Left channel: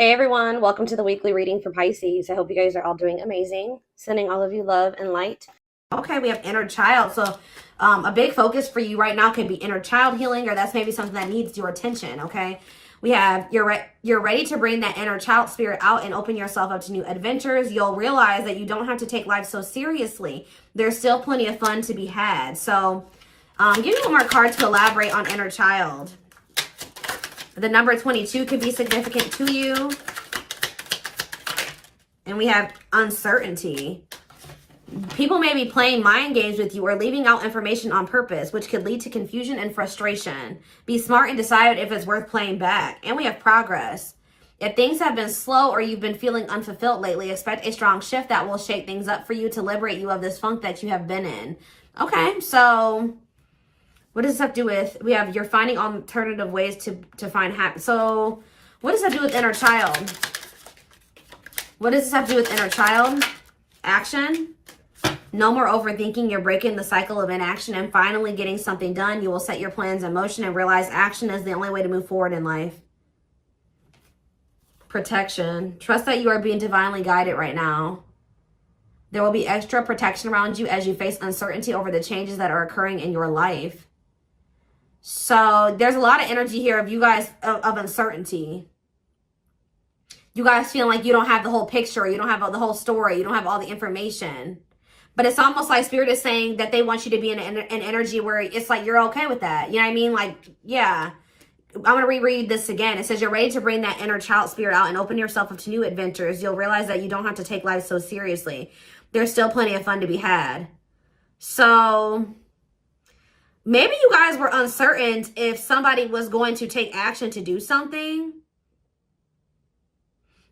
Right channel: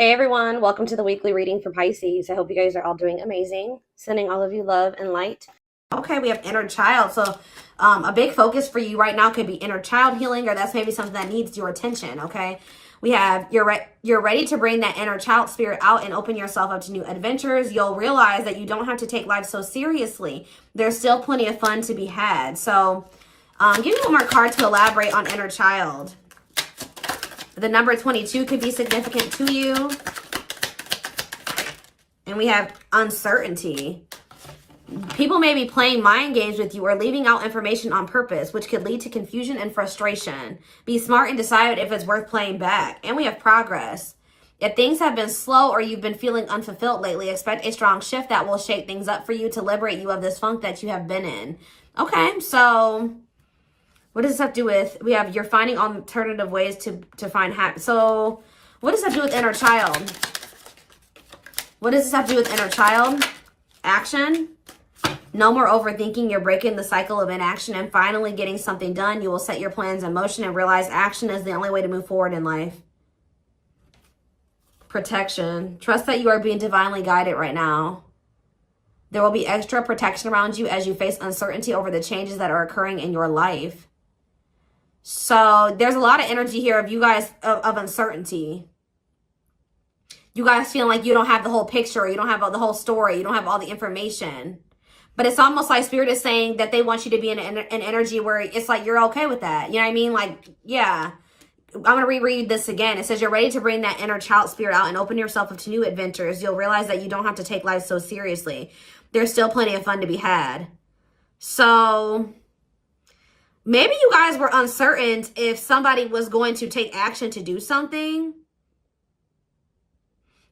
Hey everyone, welcome to the weekly reading for Pisces. I hope you guys are all doing amazing. Sending all of you love and light. Okay, we have inner child. So a big focus for you right now could be inner child healing, or that's maybe something that needs your attention, okay? We have you're ready to bring that inner child spirit out and open yourself up to new adventures. You'll realize that you don't have to take life so seriously. There's still plenty of fun to be had. So give me one more card to elaborate on inner child. The number 22 could be significant to you. And we have uncertainty. People may be playing mind games with you or leaving out information on purpose, which could lead to confusion and frustration. Be smart and decide if it's worth playing back. And we have progress. If things have been slow or you've been feeling unfulfilled lately, expect a strong shift that will shake things up for you to liberate you of this funk that you have been in. Okay, so what does this have to do with? We have you're finding alternative ways to find happiness. So what does that do with inner child? What does this have to do with inner child? Action. No more overthinking. You're breaking the cycle of inaction and finally getting something done. You will set your plans in motion and realize action is the only way to move forward in life. Protection. Trust that you are being divinely guided right now. There will be extra protection around you as you face uncertainty over the changes that are occurring in your life. So there's a lot of energy here of you guys of uncertainty. You guys feeling like you don't have the whole picture, you don't have the whole story, you don't have all the information. But it's almost like Spirit is saying that they want you to be in an energy where it's like you're okay with that. You know what I mean? Like, yeah. I'm going to reread this again. It says you're ready to bring that inner child spirit out and open yourself up to new adventures. You'll realize that you don't have to take life so seriously. There's still plenty of fun to be had. So maybe you guys were uncertain if somebody was going to take action to do something.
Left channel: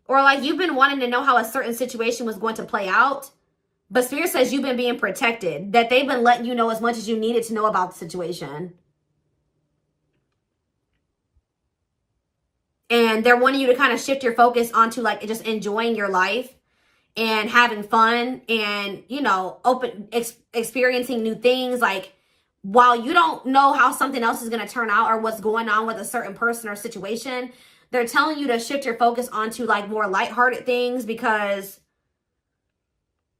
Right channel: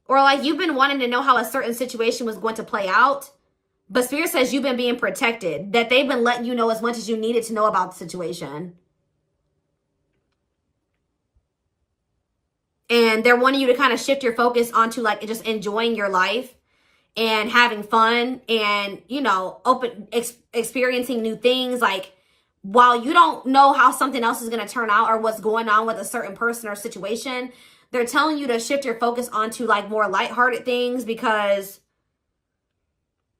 Or like you've been wanting to know how a certain situation was going to play out. But Spirit says you've been being protected. That they've been letting you know as much as you needed to know about the situation. And they're wanting you to kind of shift your focus onto like just enjoying your life. And having fun. And, you know, experiencing new things. Like, while you don't know how something else is going to turn out or what's going on with a certain person or situation, they're telling you to shift your focus onto like more lighthearted things because,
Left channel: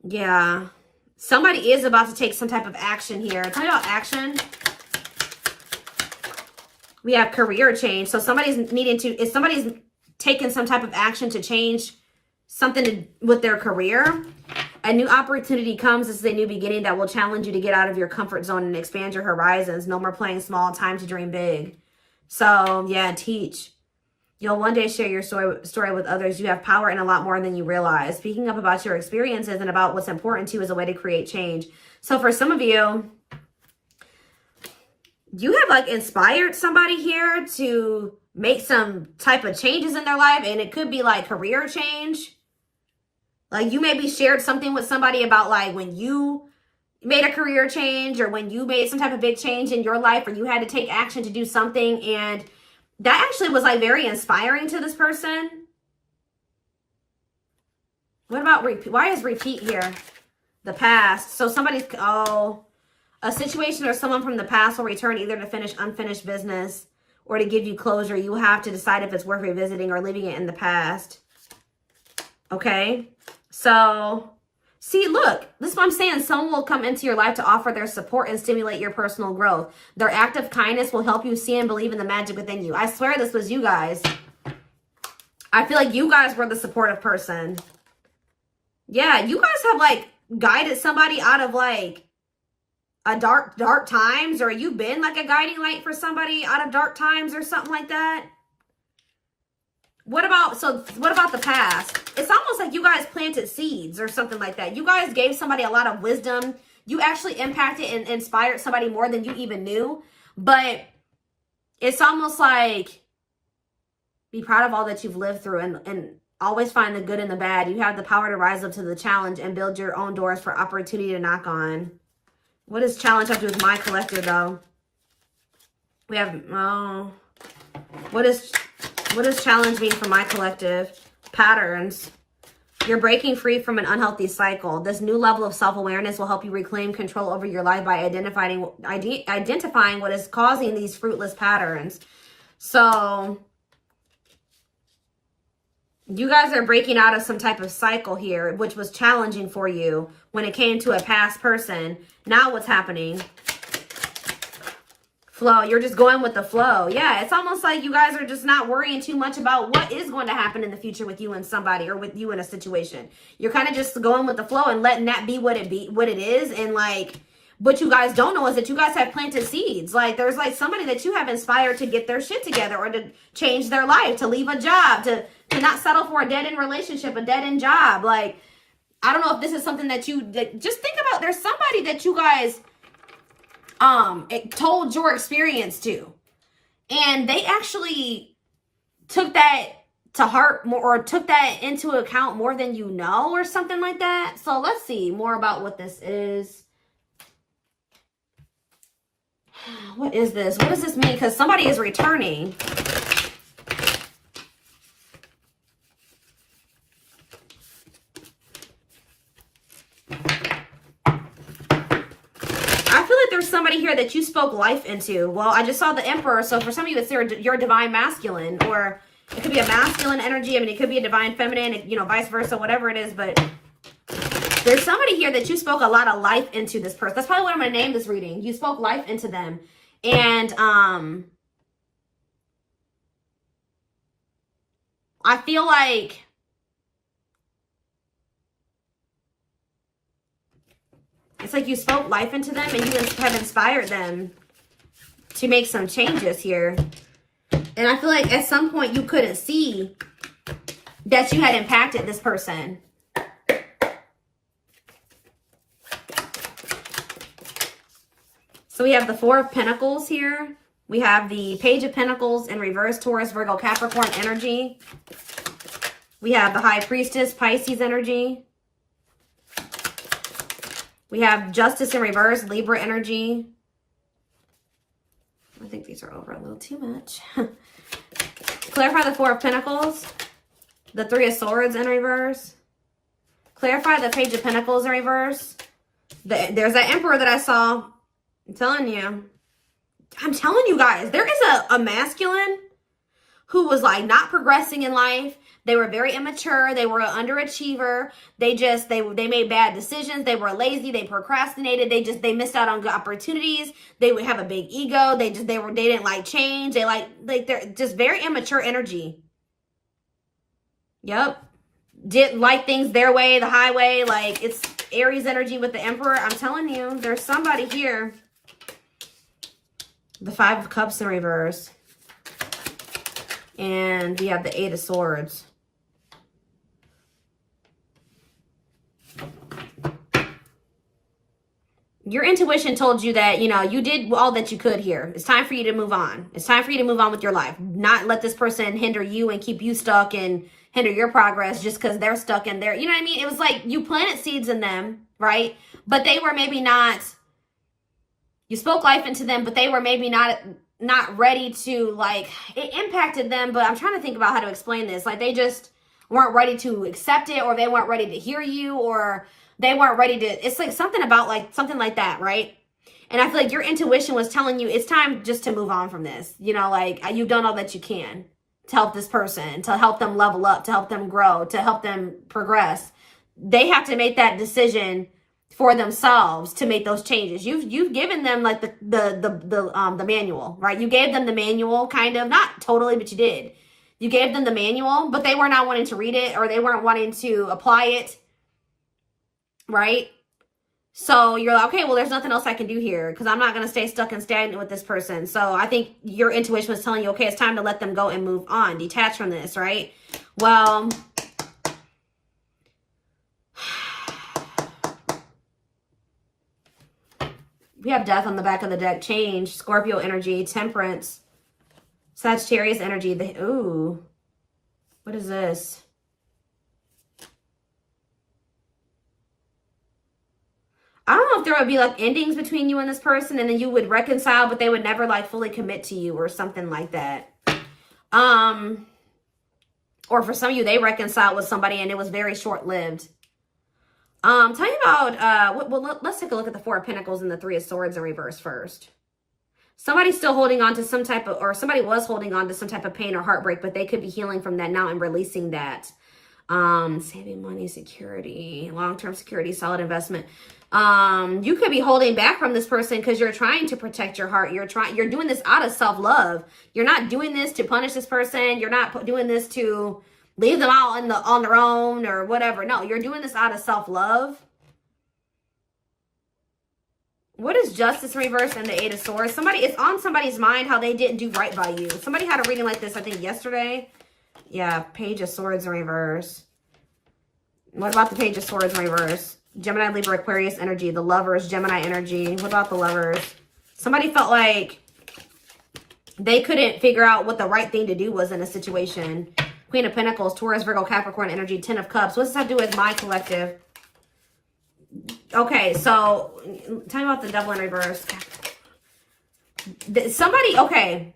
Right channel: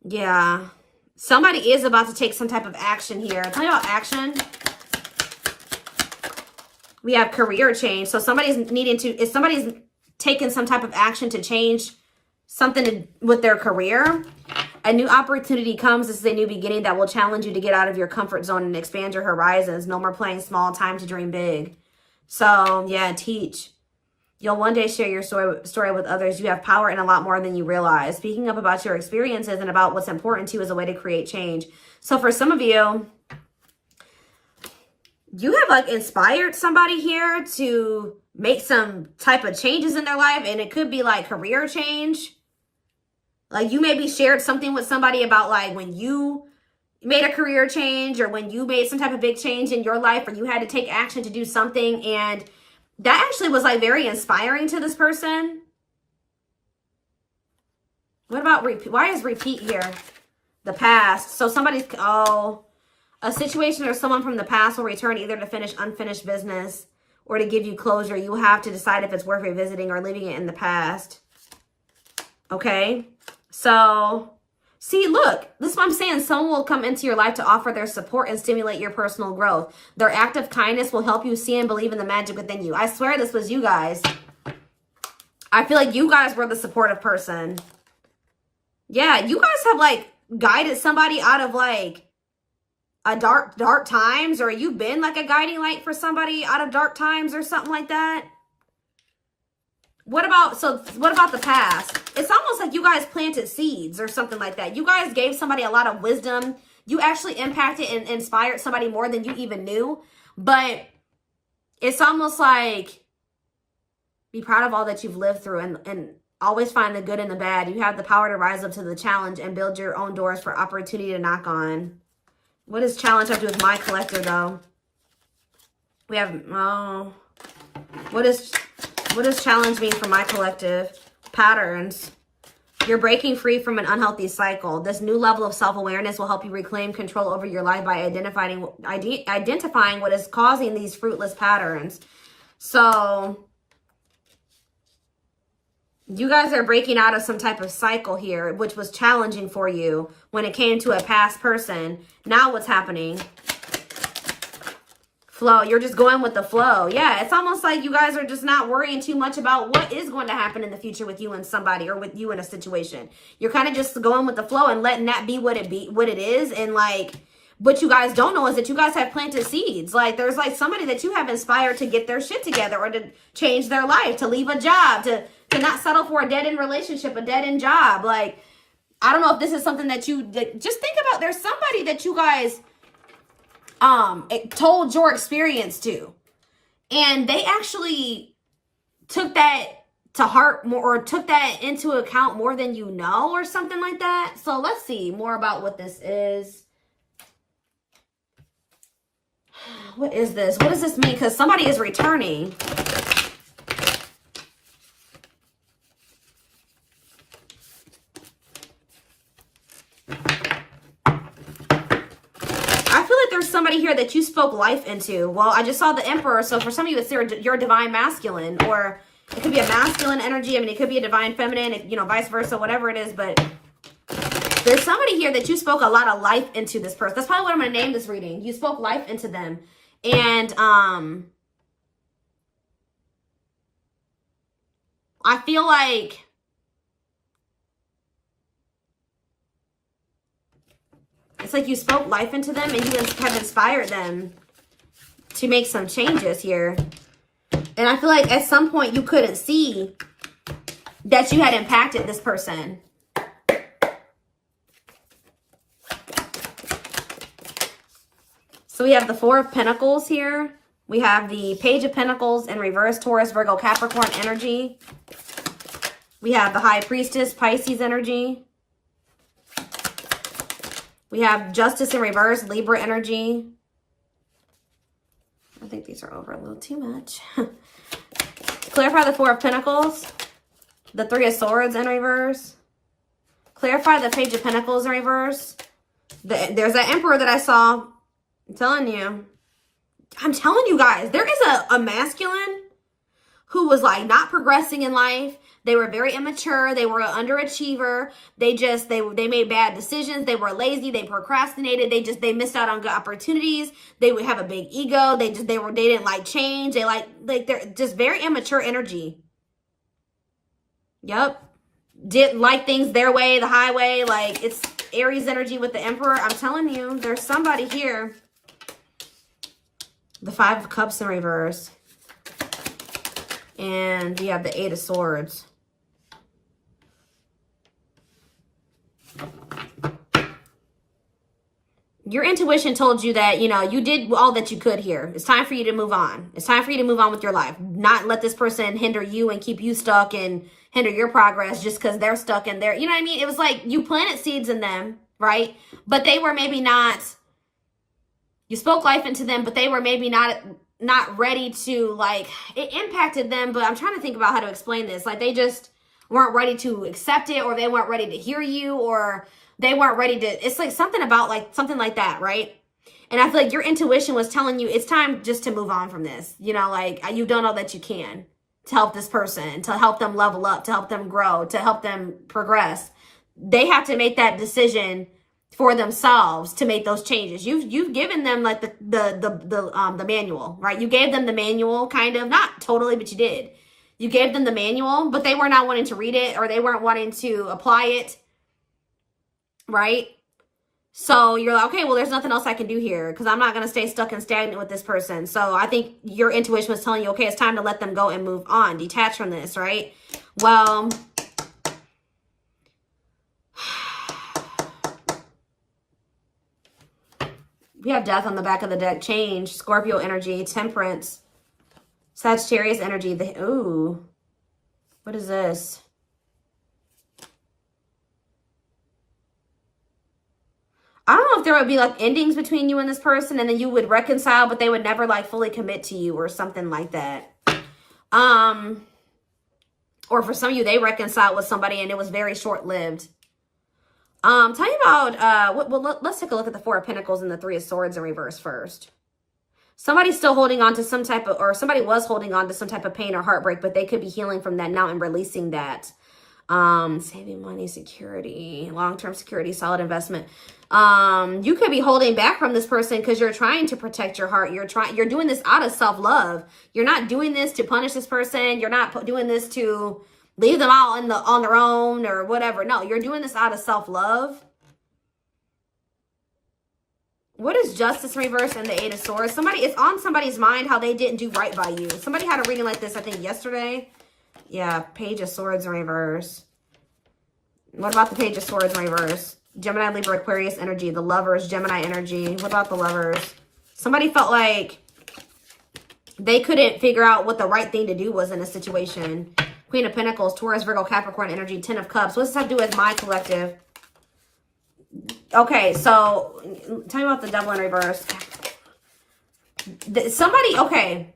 yeah, somebody is about to take some type of action here. Tell me about action. We have career change. So somebody's taking some type of action to change something with their career. A new opportunity comes. This is a new beginning that will challenge you to get out of your comfort zone and expand your horizons. No more playing small, time to dream big. So, yeah, teach. You'll one day share your story with others. You have power and a lot more than you realize. Speaking up about your experiences and about what's important to you is a way to create change. So for some of you, you have like inspired somebody here to make some type of changes in their life. And it could be like career change. Like you maybe shared something with somebody about like when you made a career change or when you made some type of big change in your life or you had to take action to do something. And that actually was like very inspiring to this person. What about repeat? Why is repeat here? The past. So somebody's, a situation or someone from the past will return either to finish unfinished business or to give you closure. You have to decide if it's worth revisiting or leaving it in the past. Okay. So, see, look, this is what I'm saying. Someone will come into your life to offer their support and stimulate your personal growth. Their act of kindness will help you see and believe in the magic within you. I swear this was you guys. I feel like you guys were the supportive person. Yeah, you guys have, like, guided somebody out of, like, a dark times. Or you've been, like, a guiding light for somebody out of dark times or something like that. What about the past? It's almost like you guys planted seeds or something like that. You guys gave somebody a lot of wisdom. You actually impacted and inspired somebody more than you even knew. But it's almost like be proud of all that you've lived through and always find the good and the bad. You have the power to rise up to the challenge and build your own doors for opportunity to knock on. What does challenge have to do with my collector, though? We have, what does challenge mean for my collective? Patterns. You're breaking free from an unhealthy cycle. This new level of self-awareness will help you reclaim control over your life by identifying what is causing these fruitless patterns. So You guys are breaking out of some type of cycle here, which was challenging for you when it came to a past person. Now what's happening? Flow. You're just going with the flow. Yeah, it's almost like you guys are just not worrying too much about what is going to happen in the future with you and somebody, or with you in a situation. You're kind of just going with the flow and letting that be what it is. And like, what you guys don't know is that you guys have planted seeds. Like, there's like somebody that you have inspired to get their shit together, or to change their life, to leave a job, to not settle for a dead-end relationship, a dead-end job. Like, I don't know if this is something that just think about. There's somebody that you guys told your experience to, and they actually took that to heart more, or took that into account more than you know, or something like that. So let's see more about what this is. What is this? What does this mean? Because somebody is returning. There's somebody here that you spoke life into. Well, I just saw the Emperor, so for some of you, it's your divine masculine, or it could be a masculine energy. I mean, it could be a divine feminine, you know, vice versa, whatever it is. But there's somebody here that you spoke a lot of life into this person. That's probably what I'm going to name this reading. You spoke life into them. And I feel like it's like you spoke life into them, and you have inspired them to make some changes here. And I feel like at some point you couldn't see that you had impacted this person. So we have the Four of Pentacles here. We have the Page of Pentacles in reverse, Taurus, Virgo, Capricorn energy. We have the High Priestess, Pisces energy. We have Justice in reverse, Libra energy. I think these are over a little too much. Clarify the Four of Pentacles. The Three of Swords in reverse. Clarify the Page of Pentacles in reverse. There's that Emperor that I saw. I'm telling you guys, there is a masculine who was like not progressing in life. They were very immature. They were an underachiever. They made bad decisions. They were lazy. They procrastinated. They missed out on good opportunities. They would have a big ego. They didn't like change. They're just very immature energy. Yep. Didn't like things their way, the highway. Like, it's Aries energy with the Emperor. I'm telling you, there's somebody here. The Five of Cups in reverse. And we have the Eight of Swords. Your intuition told you that, you know, you did all that you could here. It's time for you to move on. It's time for you to move on with your life. Not let this person hinder you and keep you stuck and hinder your progress just because they're stuck in there. You know what I mean? It was like you planted seeds in them, right? But they were maybe not, you spoke life into them, but they were maybe not ready to, like, it impacted them. But I'm trying to think about how to explain this. Like, they just weren't ready to accept it, or they weren't ready to hear you, or they weren't ready to, it's like something about like, something like that, right? And I feel like your intuition was telling you it's time just to move on from this. You know, like, you've done all that you can to help this person, to help them level up, to help them grow, to help them progress. They have to make that decision for themselves to make those changes. You've given them like the manual, right? You gave them the manual, kind of, not totally, but you did. You gave them the manual, but they were not wanting to read it, or they weren't wanting to apply it. Right? So you're like, okay, well, there's nothing else I can do here because I'm not going to stay stuck and stagnant with this person. So I think your intuition was telling you, okay, it's time to let them go and move on, detach from this, right? Well, we have Death on the back of the deck, Change, Scorpio energy, Temperance, Sagittarius energy. Ooh, what is this? I don't know if there would be like endings between you and this person, and then you would reconcile, but they would never like fully commit to you or something like that. Or for some of you, they reconciled with somebody and it was very short-lived. Tell me about, let's take a look at the Four of Pentacles and the Three of Swords in reverse first. Somebody's still holding on to some type of, or somebody was holding on to some type of pain or heartbreak, but they could be healing from that now and releasing that. Saving money, security, long-term security, solid investment. You could be holding back from this person because you're trying to protect your heart. You're doing this out of self-love. You're not doing this to punish this person. You're not doing this to leave them all on their own or whatever. No, you're doing this out of self-love. What is justice reverse and the 8 of swords? It's on somebody's mind how they didn't do right by you. Somebody had a reading like this, I think, yesterday. Yeah, page of swords in reverse. What about the page of swords in reverse? Gemini, Libra, Aquarius energy. The lovers, Gemini energy. What about the lovers? Somebody felt like they couldn't figure out what the right thing to do was in a situation. Queen of Pentacles, Taurus, Virgo, Capricorn energy, 10 of Cups. What does that do with my collective? Okay, so tell me about the devil in reverse. Okay.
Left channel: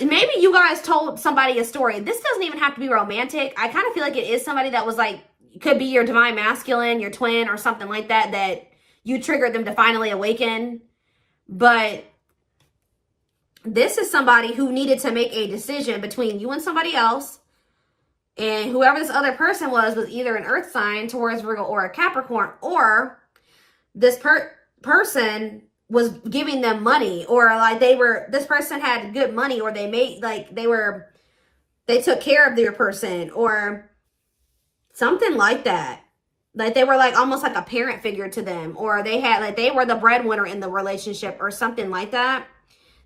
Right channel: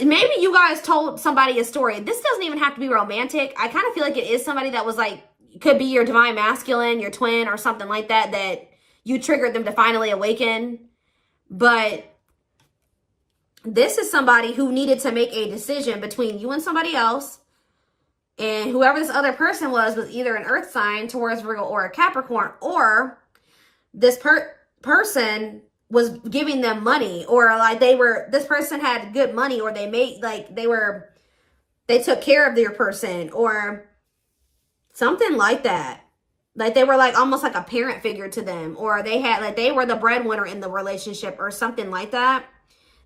Maybe you guys told somebody a story. This doesn't even have to be romantic. I kind of feel like it is somebody that was like, could be your divine masculine, your twin, or something like that, that you triggered them to finally awaken. But this is somebody who needed to make a decision between you and somebody else. And whoever this other person was either an earth sign, Taurus, Virgo, or a Capricorn, or this person was giving them money, or like this person had good money, or they took care of their person, or something like that. Like they were like almost like a parent figure to them, or they were the breadwinner in the relationship or something like that.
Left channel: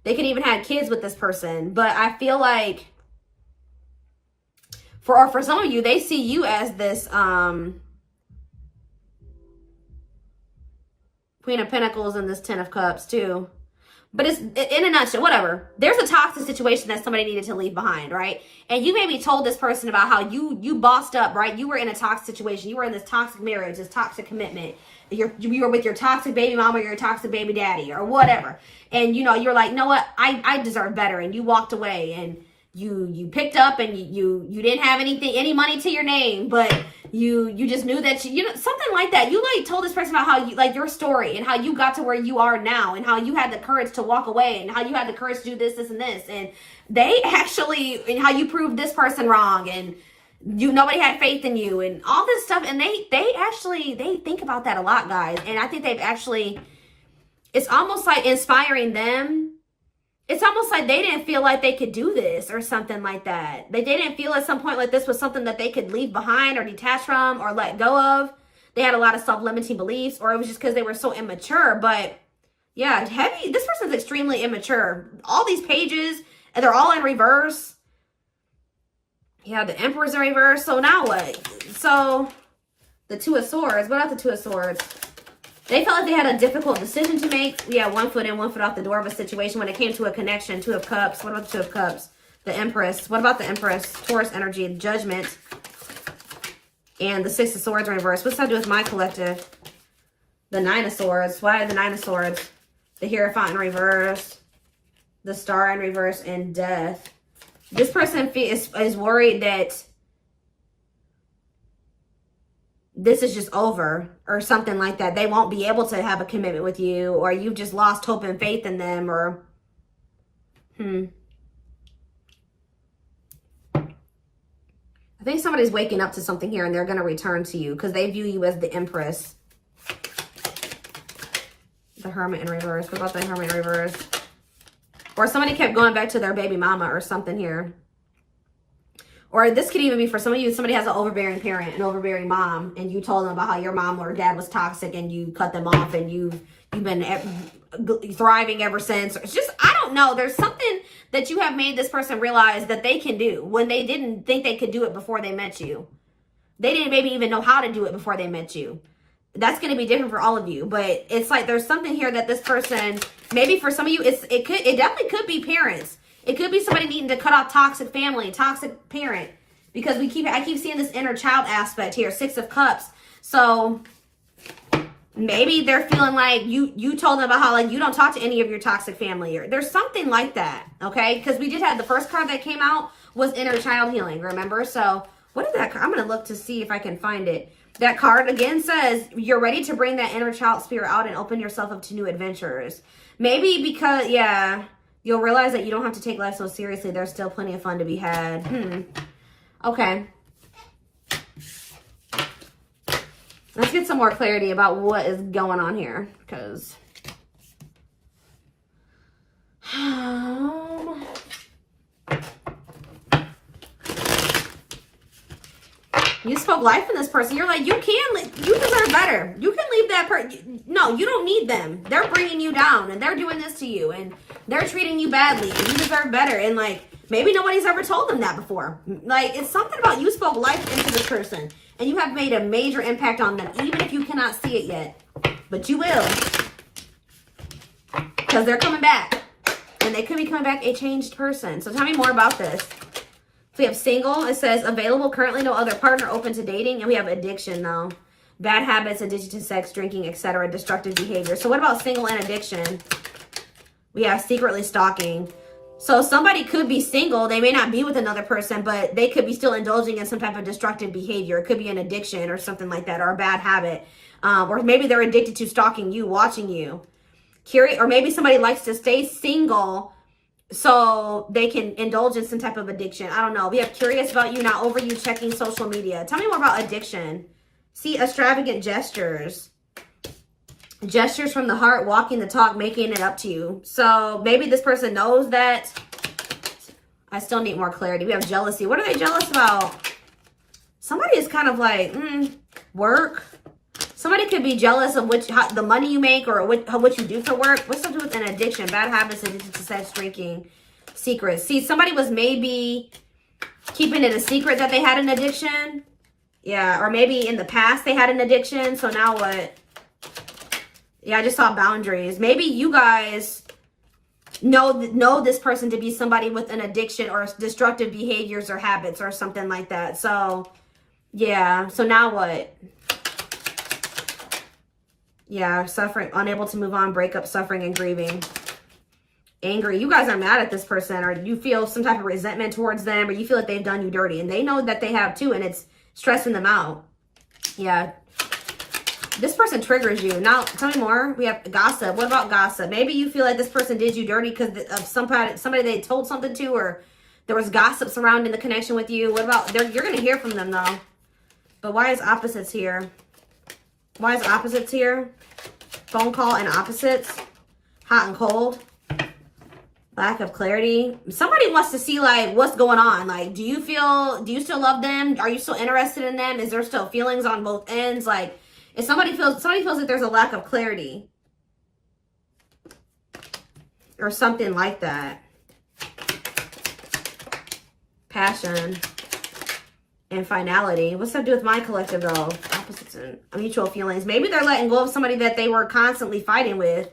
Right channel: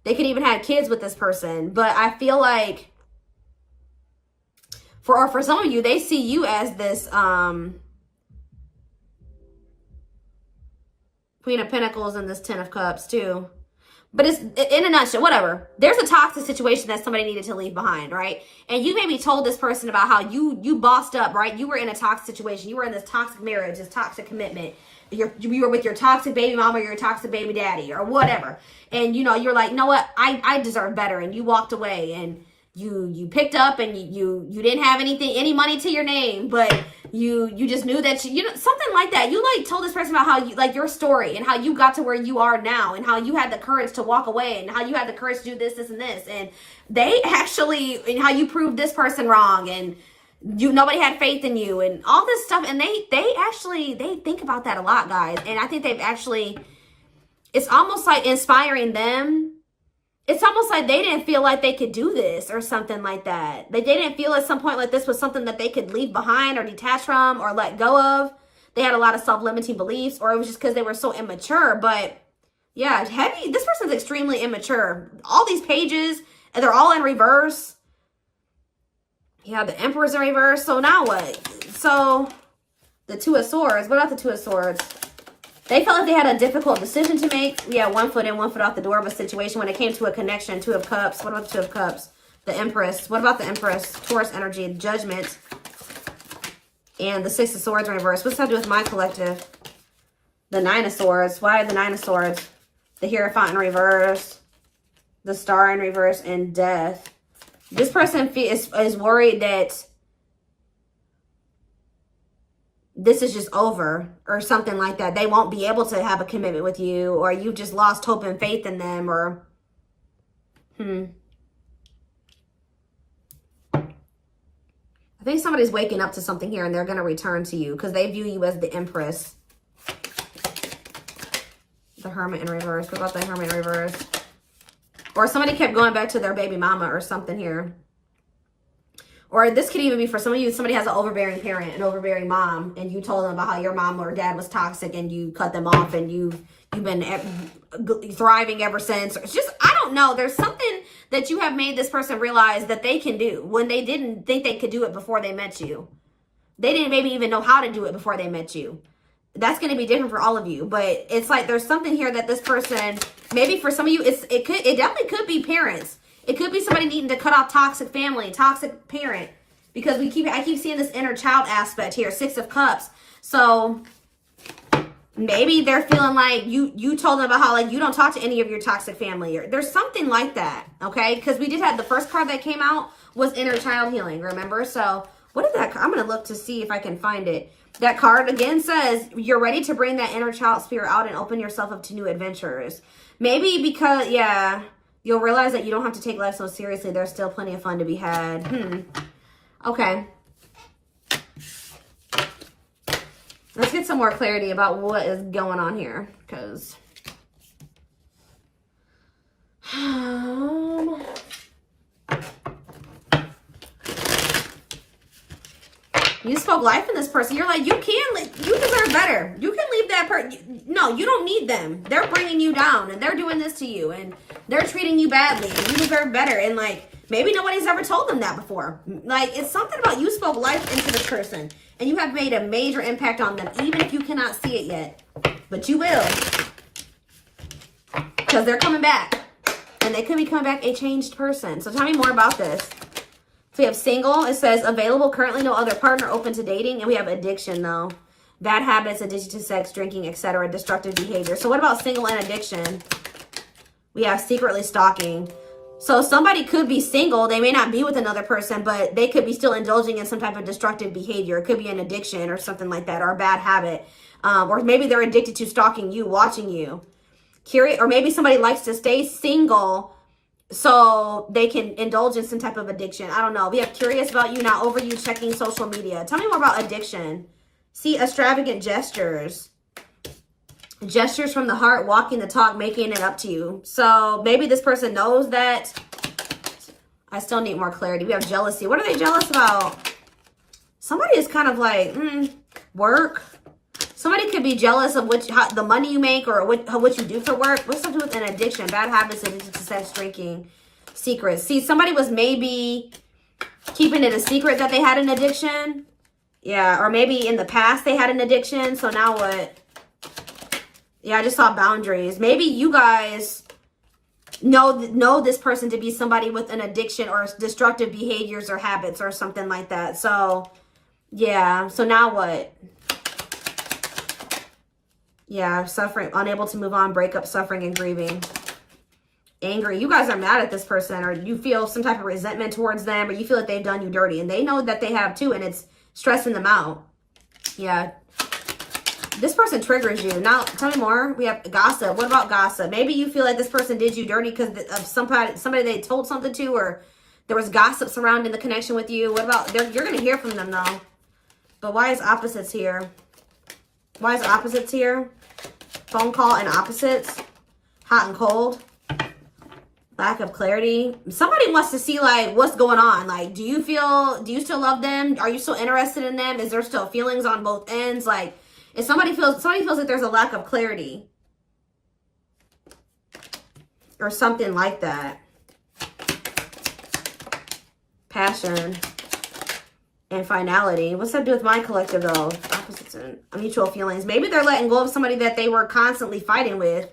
They could even have kids with this person. But I feel like for some of you, they see you as this Queen of Pentacles and this 10 of Cups too. But it's in a nutshell, whatever. There's a toxic situation that somebody needed to leave behind, right? And you maybe told this person about how you bossed up, right? You were in a toxic situation. You were in this toxic marriage, this toxic commitment. You were with your toxic baby mama, or your toxic baby daddy, or whatever. And you're like, no, what? I deserve better. And you walked away, and you picked up, and you didn't have any money to your name, but you just knew that something like that. You like told this person about how your story and how you got to where you are now, and how you had the courage to walk away, and how you had the courage to do this and this, and and how you proved this person wrong, and nobody had faith in you, and all this stuff. And they think about that a lot, guys. And I think it's almost like inspiring them. It's almost like they didn't feel like they could do this or something like that. Like they didn't feel at some point like this was something that they could leave behind or detach from or let go of. They had a lot of self-limiting beliefs, or it was just because they were so immature. But yeah, this person's extremely immature. All these pages, and they're all in reverse. Yeah, the Emperor's in reverse. So now what? So the Two of Swords. What about the Two of Swords? They felt like they had a difficult decision to make. Yeah, 1 foot in, 1 foot out the door of a situation when it came to a connection. 2 of Cups. What about the 2 of Cups? The Empress. What about the Empress? Taurus energy, Judgment. And the 6 of Swords in reverse. What's that do with my collective? The 9 of Swords. Why the 9 of Swords? The Hierophant in reverse. The Star in reverse, and Death. This person is worried that this is just over or something like that. They won't be able to have a commitment with you, or you've just lost hope and faith in them, or I think somebody's waking up to something here, and they're going to return to you because they view you as the Empress. The Hermit in reverse. What about the Hermit in reverse? Or somebody kept going back to their baby mama or something here. Or this could even be for some of you, somebody has an overbearing parent, an overbearing mom, and you told them about how your mom or dad was toxic, and you cut them off, and you've been thriving ever since. It's just, I don't know. There's something that you have made this person realize that they can do when they didn't think they could do it before they met you. They didn't maybe even know how to do it before they met you. That's going to be different for all of you, but it's like there's something here that this person, maybe for some of you, it definitely could be parents. It could be somebody needing to cut off toxic family, toxic parent, because I keep seeing this inner child aspect here, 6 of Cups. So maybe they're feeling like you told them about how you don't talk to any of your toxic family, or there's something like that, okay? Because we did have the first card that came out was inner child healing, remember? So what is that? I'm going to look to see if I can find it. That card again says you're ready to bring that inner child spirit out and open yourself up to new adventures. Maybe because, yeah, you'll realize that you don't have to take life so seriously. There's still plenty of fun to be had. Okay. Let's get some more clarity about what is going on here, because you spoke life in this person. You're like, you deserve better. You can leave that person. No, you don't need them. They're bringing you down, and they're doing this to you, and they're treating you badly, and you deserve better. And like, maybe nobody's ever told them that before. Like, it's something about you spoke life into this person, and you have made a major impact on them, even if you cannot see it yet. But you will, because they're coming back, and they could be coming back a changed person. So tell me more about this. So we have single. It says available, currently no other partner, open to dating. And we have addiction, though. Bad habits, addiction to sex, drinking, etc. Destructive behavior. So what about single and addiction? We have secretly stalking. So somebody could be single. They may not be with another person, but they could be still indulging in some type of destructive behavior. It could be an addiction or something like that, or a bad habit. Or maybe they're addicted to stalking you, watching you. Curious, or maybe somebody likes to stay single so they can indulge in some type of addiction. I don't know. We have curious about you, not over you, checking social media. Tell me more about addiction. See, extravagant gestures. Gestures from the heart, walking the talk, making it up to you. So maybe this person knows that. I still need more clarity. We have jealousy. What are they jealous about? Somebody is kind of like, work. Somebody could be jealous of the money you make, or what you do for work. What's up with an addiction? Bad habits, addicted to sex, drinking, secrets. See, somebody was maybe keeping it a secret that they had an addiction. Yeah, or maybe in the past they had an addiction. So now what? Yeah, I just saw boundaries. Maybe you guys know this person to be somebody with an addiction or destructive behaviors or habits or something like that. So, yeah. So now what? Yeah, suffering, unable to move on, breakup, suffering, and grieving. Angry. You guys are mad at this person, or you feel some type of resentment towards them, or you feel like they've done you dirty. And they know that they have too, and it's stressing them out. Yeah. This person triggers you. Now, tell me more. We have gossip. What about gossip? Maybe you feel like this person did you dirty because of somebody they told something to, or there was gossip surrounding the connection with you. What about, you're going to hear from them though. But why is opposites here? Why is opposites here? Phone call and opposites. Hot and cold. Lack of clarity. Somebody wants to see like what's going on. Like, do you still love them? Are you still interested in them? Is there still feelings on both ends? Like, if somebody feels like there's a lack of clarity or something like that. Passion and finality. What's that to do with my collective though? Opposites and mutual feelings. Maybe they're letting go of somebody that they were constantly fighting with,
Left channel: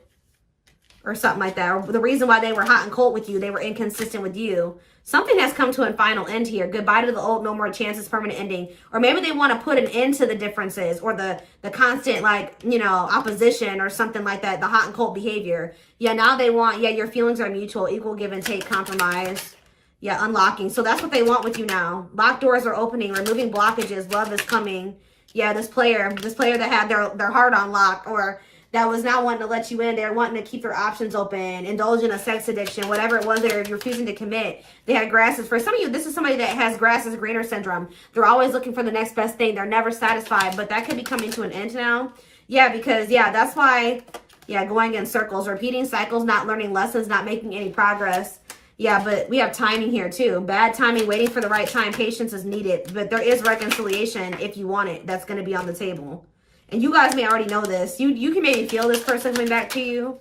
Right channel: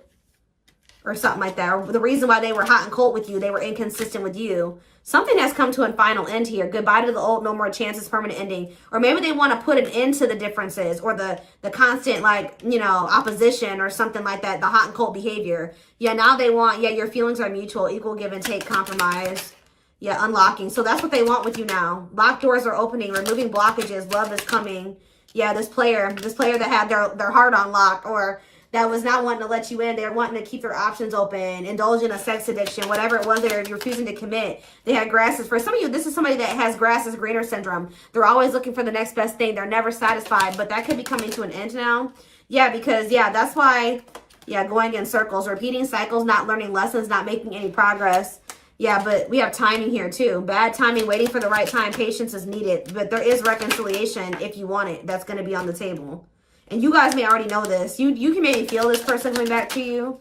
or something like that. Or the reason why they were hot and cold with you, they were inconsistent with you. Something has come to a final end here. Goodbye to the old, no more chances, permanent ending. Or maybe they want to put an end to the differences, or the constant, like, opposition or something like that. The hot and cold behavior. Yeah, now they want, your feelings are mutual, equal give and take, compromise. Yeah, unlocking. So that's what they want with you now. Locked doors are opening, removing blockages. Love is coming. Yeah, this player that had their heart unlocked, or that was not wanting to let you in. They're wanting to keep their options open, indulge in a sex addiction, whatever it was they're refusing to commit. They had grasses. For some of you, this is somebody that has grass is greener syndrome. They're always looking for the next best thing. They're never satisfied, but that could be coming to an end now. Yeah, because, that's why, going in circles, repeating cycles, not learning lessons, not making any progress. Yeah, but we have timing here too. Bad timing, waiting for the right time. Patience is needed, but there is reconciliation if you want it. That's going to be on the table. And you guys may already know this. You can maybe feel this person coming back to you.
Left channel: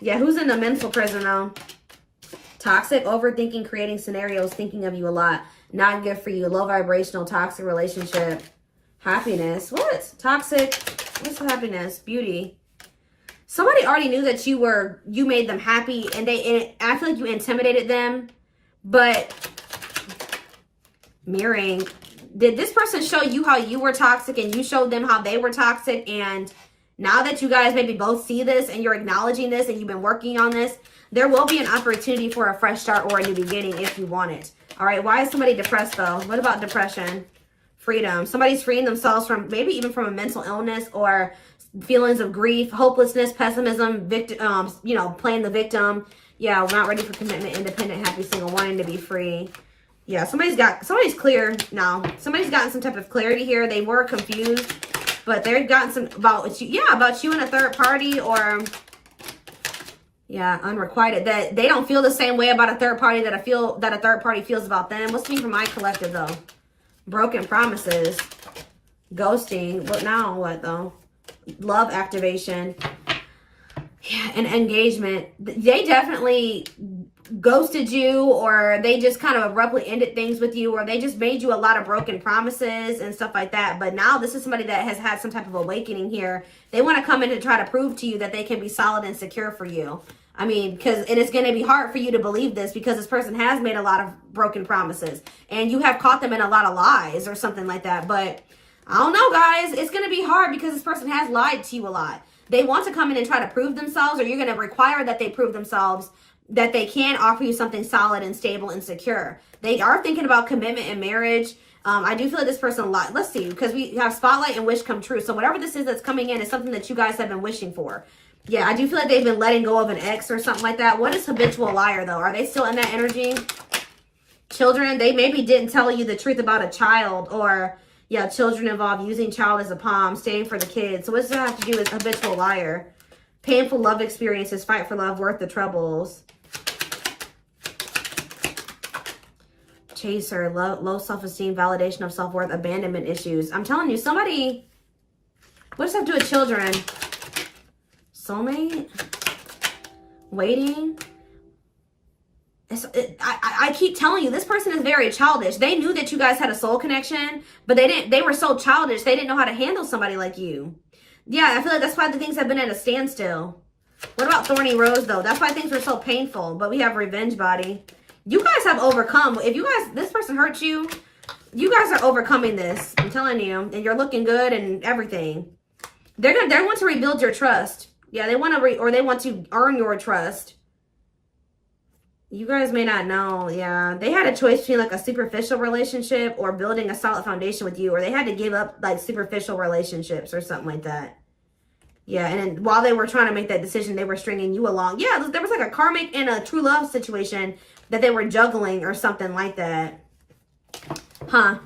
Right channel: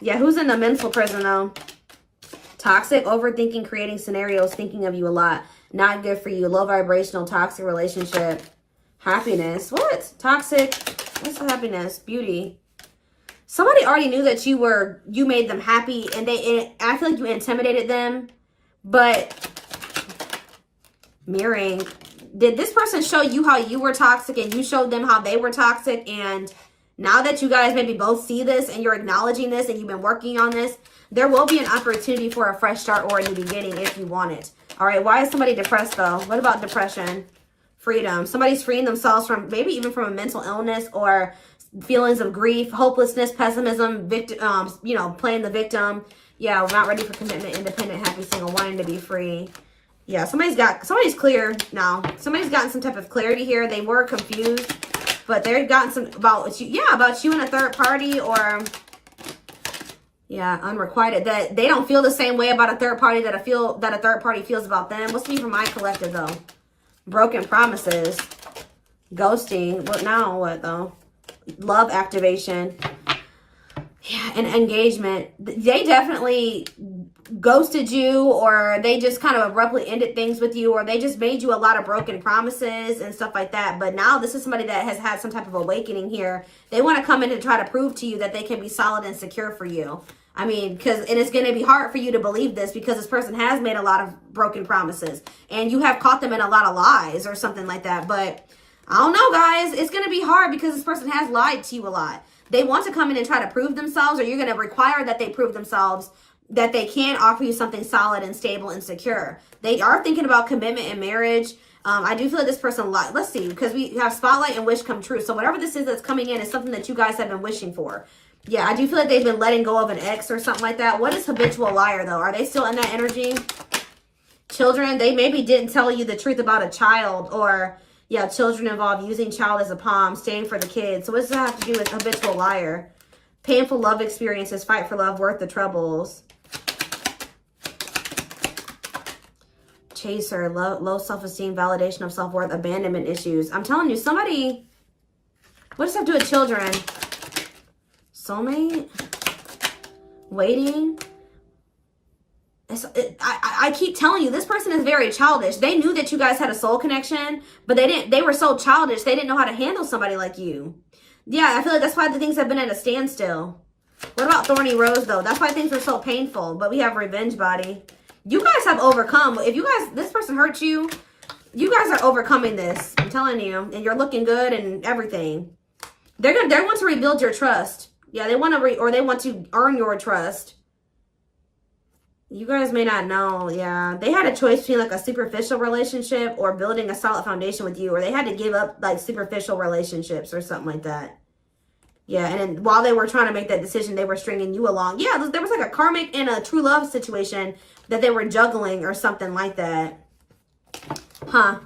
Yeah, who's in the mental prison though? Toxic, overthinking, creating scenarios, thinking of you a lot. Not good for you. Low vibrational, toxic relationship. Happiness. What? Toxic. What's happiness? Beauty. Somebody already knew that you made them happy, and I feel like you intimidated them. But mirroring. Did this person show you how you were toxic, and you showed them how they were toxic? And now that you guys maybe both see this, and you're acknowledging this, and you've been working on this, there will be an opportunity for a fresh start or a new beginning if you want it. All right, why is somebody depressed though? What about depression? Freedom. Somebody's freeing themselves from, maybe even from a mental illness, or feelings of grief, hopelessness, pessimism, victim, playing the victim. Yeah, we're not ready for commitment, independent, happy, single, wanting to be free. Yeah, somebody's clear now. Somebody's gotten some type of clarity here. They were confused, But they've gotten some about you, yeah, about you and a third party, or yeah, unrequited, that they don't feel the same way about a third party that a third party feels about them. What's me for my collective though? Broken promises, ghosting. What now? What though? Love activation, yeah, and engagement. They definitely ghosted you, or they just kind of abruptly ended things with you, or they just made you a lot of broken promises and stuff like that. But now this is somebody that has had some type of awakening here. They want to come in and try to prove to you that they can be solid and secure for you. I mean, and it's going to be hard for you to believe this because this person has made a lot of broken promises and you have caught them in a lot of lies or something like that. But I don't know, guys. It's going to be hard because this person has lied to you a lot. They want to come in and try to prove themselves, or you're going to require that they prove themselves that they can offer you something solid and stable and secure. They are thinking about commitment and marriage. I do feel like this person, let's see, because we have spotlight and wish come true. So whatever this is that's coming in is something that you guys have been wishing for. Yeah, I do feel like they've been letting go of an ex or something like that. What is habitual liar, though? Are they still in that energy? Children, they maybe didn't tell you the truth about a child, or, yeah, children involved, using child as a palm, staying for the kids. So what's that have to do with habitual liar? Painful love experiences, fight for love, worth the troubles. Chaser, low self-esteem, validation of self-worth, abandonment issues. I'm telling you, somebody, what does that have to do with children? Soulmate, waiting. I keep telling you, this person is very childish. They knew that you guys had a soul connection, but they were so childish, they didn't know how to handle somebody like you. Yeah, I feel like that's why the things have been at a standstill. What about Thorny Rose, though? That's why things were so painful. But we have Revenge Body. You guys have overcome. If you guys, this person hurt you, you guys are overcoming this. I'm telling you. And you're looking good and everything. They want to rebuild your trust. Yeah, they want to, or they want to earn your trust. You guys may not know. Yeah, they had a choice between like a superficial relationship or building a solid foundation with you, or they had to give up like superficial relationships or something like that. Yeah, and then while they were trying to make that decision, they were stringing you along. Yeah, there was like a karmic and a true love situation that they were juggling or something like that. Huh.